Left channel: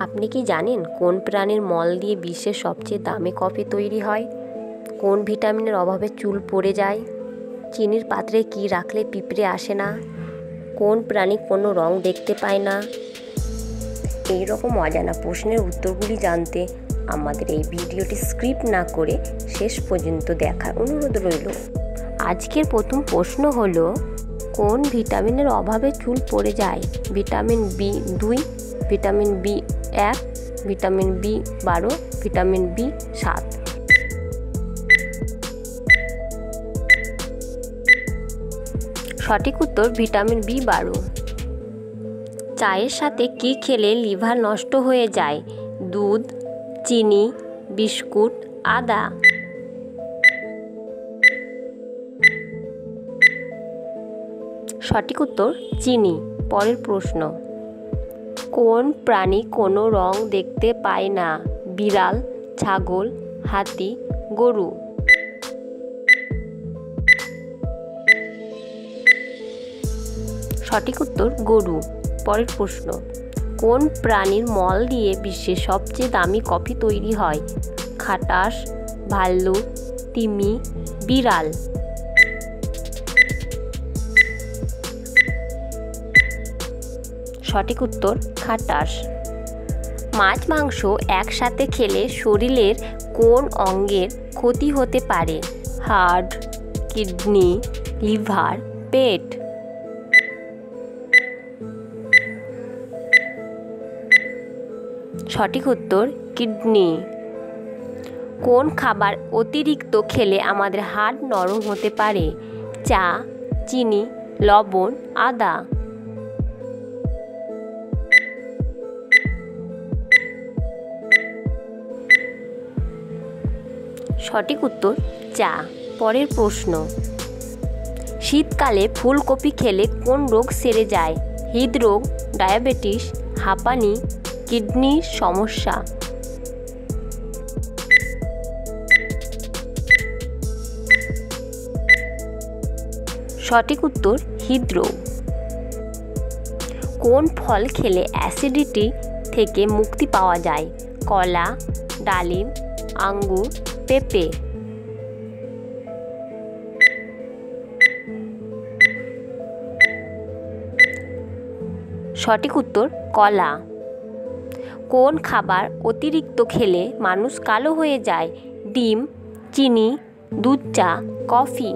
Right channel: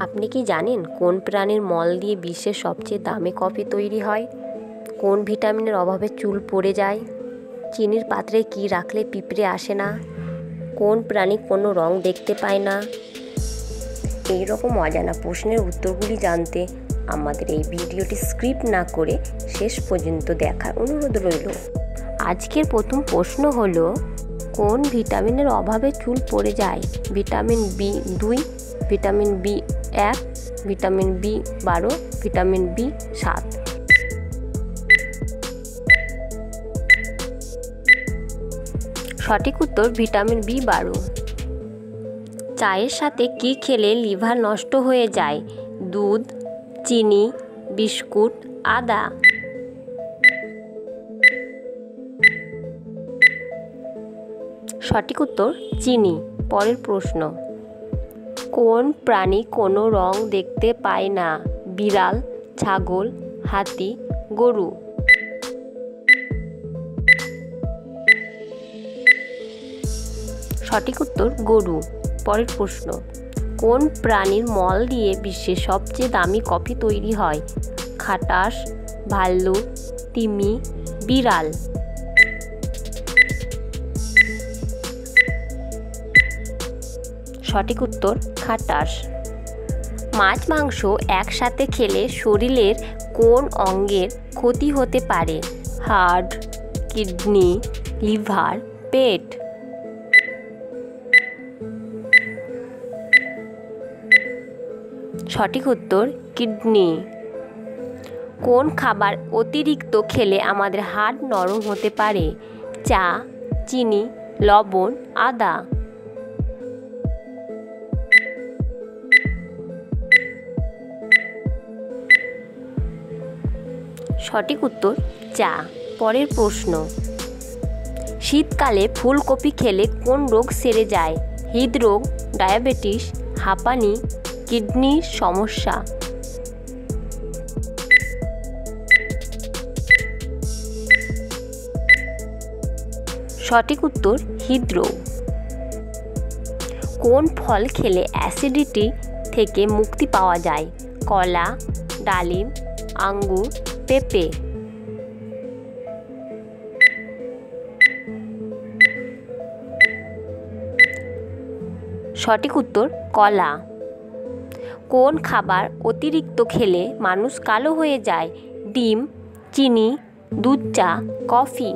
আপনি কি জানেন কোন প্রাণীর মল দিয়ে বিশ্বের সবচেয়ে দামি কফি তৈরি হয়? কোন ভিটামিনের অভাবে চুল পড়ে যায়? চিনির পাত্রে কি রাখলে পিঁপড়ে আসে না? কোন প্রাণী কোনো রং দেখতে পায় না? এই রকম অজানা প্রশ্নের উত্তরগুলি জানতে আমাদের এই ভিডিওটি স্কিপ না করে শেষ পর্যন্ত দেখার অনুরোধ রইল। আজকের প্রথম প্রশ্ন হলো, কোন ভিটামিনের অভাবে চুল পড়ে যায়? Vitamin B2, vitamin B1, vitamin B12, vitamin B7। সঠিক উত্তর ভিটামিন B12। চায়ের সাথে কি খেলে লিভার নষ্ট হয়ে যায়? দুধ, চিনি, বিস্কুট, আদা। সঠিক উত্তর চিনি। পরের প্রশ্ন, কোন প্রাণী কোনো রং দেখতে পায় না? বিড়াল, ছাগল, হাতি, গরু। সঠিক উত্তর গরু। পরের প্রশ্ন, কোন প্রাণীর মল দিয়ে বিশ্বের সবচেয়ে দামি কফি তৈরি হয়? খাটাস, ভাল্লুক, তিমি, বিড়াল। সঠিক উত্তর খাটাস। মাছ মাংস একসাথে খেলে শরীরের কোন অঙ্গের ক্ষতি হতে পারে? হার্ট, কিডনি, লিভার, পেট। সঠিক উত্তর কিডনি। কোন খাবার অতিরিক্ত খেলে আমাদের হাড় নরম হতে পারে? চা, চিনি, লবণ, আদা। সঠিক উত্তর চা। পরের প্রশ্ন, শীতকালে ফুলকপি খেলে কোন রোগ সেরে যায়? হৃদরোগ, ডায়াবেটিস, হাঁপানি, কিডনির সমস্যা। সঠিক উত্তর হৃদরোগ। কোন ফল খেলে অ্যাসিডিটি থেকে মুক্তি পাওয়া যায়? কলা, ডালিম, আঙ্গুর, পেঁপে। সঠিক উত্তর কলা। কোন খাবার অতিরিক্ত খেলে মানুষ কালো হয়ে যায়? ডিম, চিনি, দুধ, চা, কফি।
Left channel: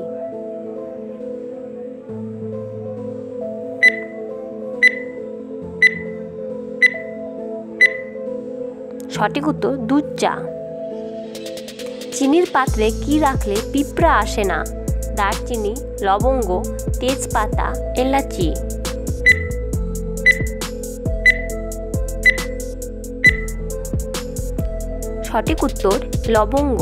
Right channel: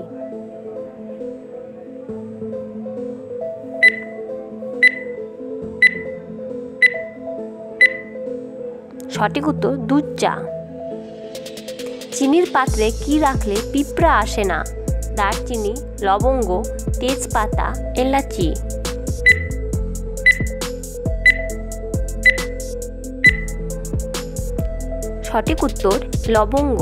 সঠিক উত্তর দুধ চা। চিনির পাত্রে কি রাখলে পিঁপড়া আসে না? দারচিনি, লবঙ্গ, তেজপাতা, এলাচি। সঠিক উত্তর লবঙ্গ।